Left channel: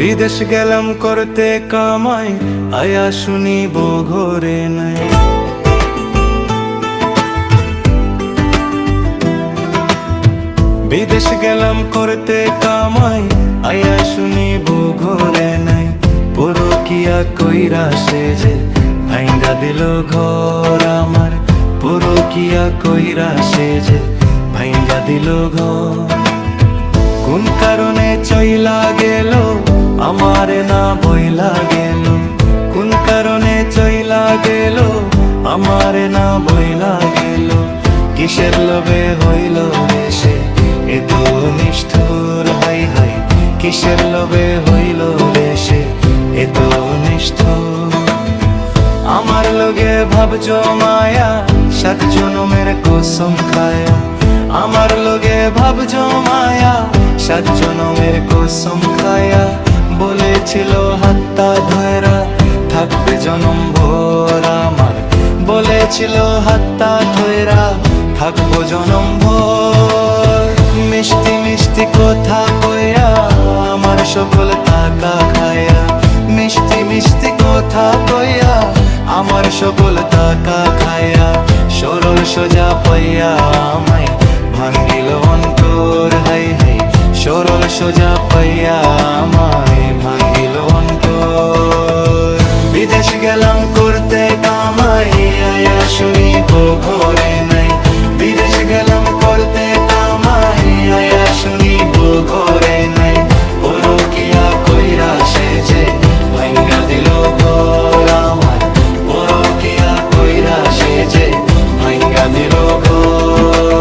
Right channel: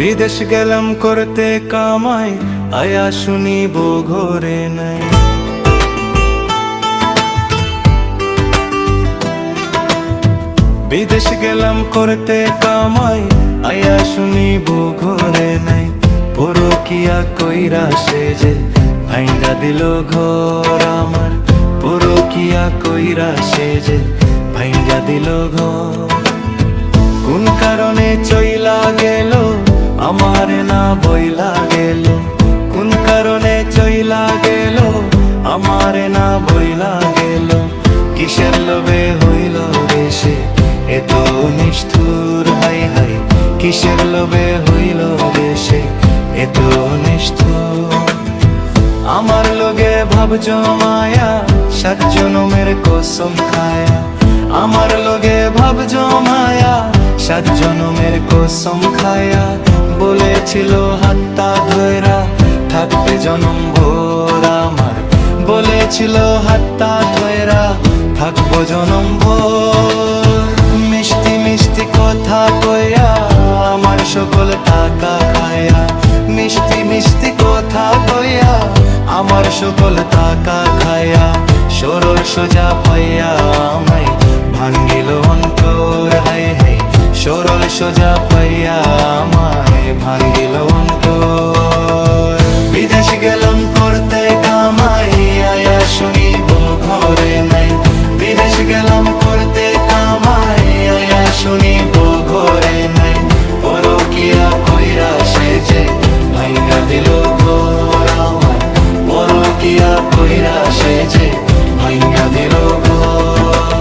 বিদেশ গেলাম করতে কামাই, আয়া শুনিব ঘরে নাই। বিদেশ গেলাম করতে কামাই, আয়া শুনিব ঘরে নাই। পরকিয়া কইরা সে যে ভাইঙ্গা দিল ঘর আমার, পরকিয়া কইরা সে যে ভাইঙ্গা দিল ঘর। কোন কারণে চইলা গেল আমারে না বইলা গেল, কোন কারণে চইলা গেল আমারে না বইলা গেল। কিসের লোভে হইল রে সে এত নিষ্ঠুর, হাই হাই কিসের লোভে হইল রে সে এত নিষ্ঠুর। আমার লগে ভাব জমায়া 7 জনমের কসম খায়া, আমার লগে ভাব জমায়া 7 জনমের কসম খায়া। বলেছিল হাতটা ধইরা থাকবে জনম ভোর আমার, বলেছিল হাতটা ধইরা থাকবো জনম ভোর। মিষ্টি মিষ্টি কথা কইয়া আমার সকল টাকা খায়া, মিষ্টি মিষ্টি কথা কইয়া আমার সকল টাকা খায়া। সরল সোজা পাইয়া আমায় ভাঙ্গিল অন্তর, হাই হাই সরল সোজা পাইয়া আমায় ভাঙ্গিল অন্তর। বিদেশ গেলাম করতে কামাই, আয়া শুনিব ঘরে নাই। বিদেশ গেলাম করতে কামাই, আয়া শুনিব ঘরে নাই। পরকিয়া কইরা সে যে ভাঙ্গা দিল ঘর আমার, পরকিয়া কইরা সে যে ভাঙ্গা দিল ঘর।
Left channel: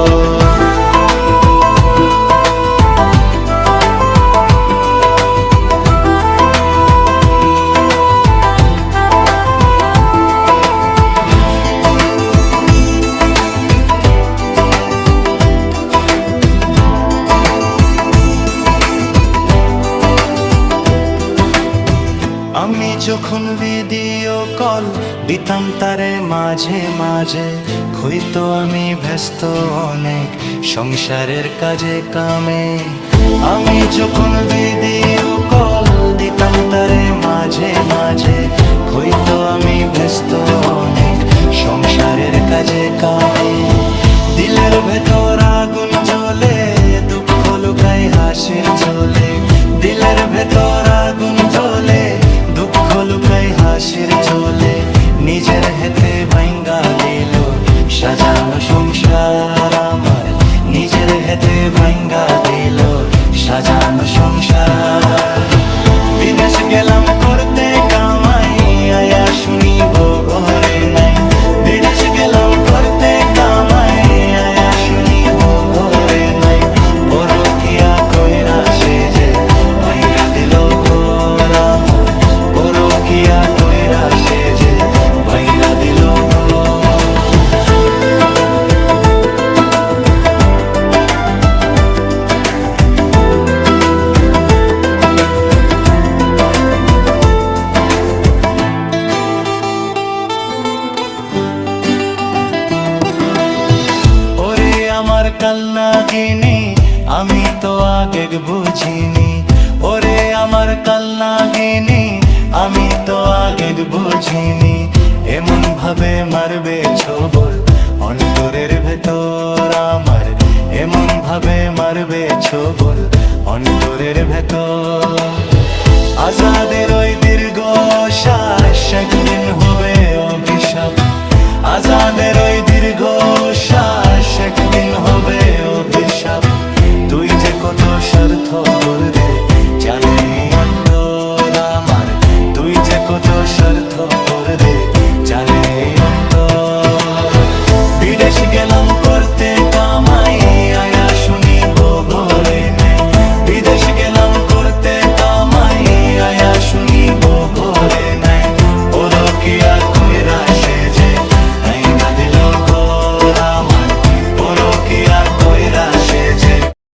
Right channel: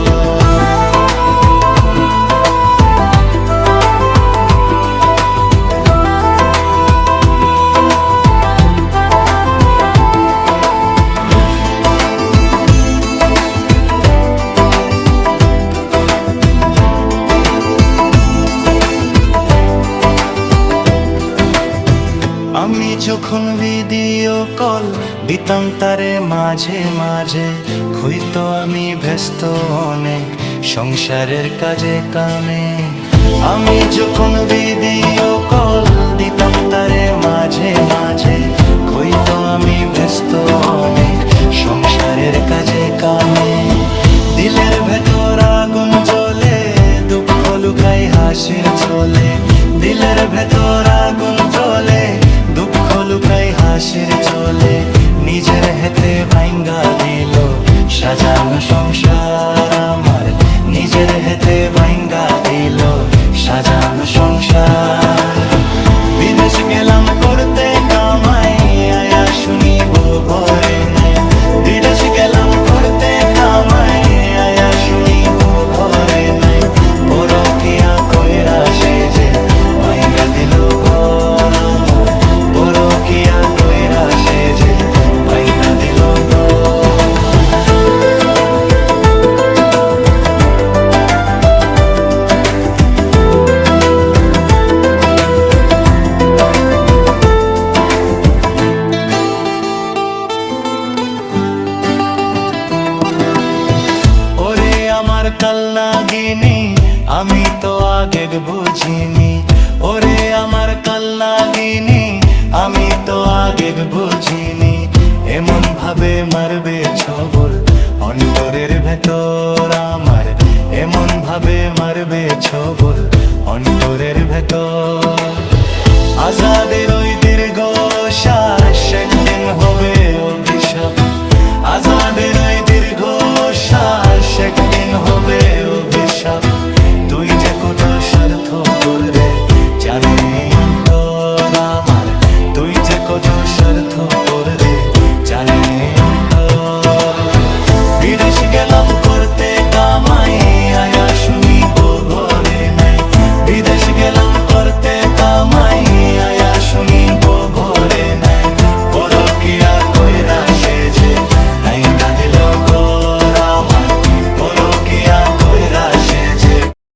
আমি যখন ভিডিও কল দিতাম তারে মাঝে মাঝে, হইতো আমি ব্যস্ত অনেক সংসারের কাজে কামে। আমি যখন ভিডিও কল দিতাম তারে মাঝে মাঝে, হইতো আমি ব্যস্ত অনেক সংসারের কাজে কামে। দিলের ভেতর আগুন জ্বলে, দুঃখ লুকাই হাসির চলে। দিলের ভেতর আগুন জ্বলে, দুঃখ লুকাই হাসির চলে। নিজের হাতে ভাঙ্গা দিল সাজানো সংসার আমার, নিজের হাতে ভাঙ্গা দিল সাজানো সংসার। বিদেশ গেলাম করতে কামাই, আয়া শুনিব ঘরে নাই। বিদেশ গেলাম করতে কামাই, আয়া শুনিব ঘরে নাই। পরকিয়া কইরা সে যে ভাঙ্গা দিল ঘর আমার, পরকিয়া কইরা সে যে ভাঙ্গা দিল ঘর। ওরে আমার কালনাগিনী আমি তো আগে বুঝিনি, ওরে আমার কালনাগিনী আমি তো আগে বুঝিনি। এমন ভাবে মারবে ছবল অন্তরের ভেতর আমার, এমন ভাবে মারবে ছবল অন্তরের ভেতর। আজাদের ওই দীর্ঘ শ্বাস একদিন হবে অভিশাপ, আজাদের ওই দীর্ঘ শ্বাস একদিন হবে অভিশাপ। তুই যে কত স্বার্থ করে জানে অন্তর আমার, তুই যে কত স্বার্থ করে জানে অন্তর। বিদেশ গেলাম করতে কামাই, আয়া শুনিব ঘরে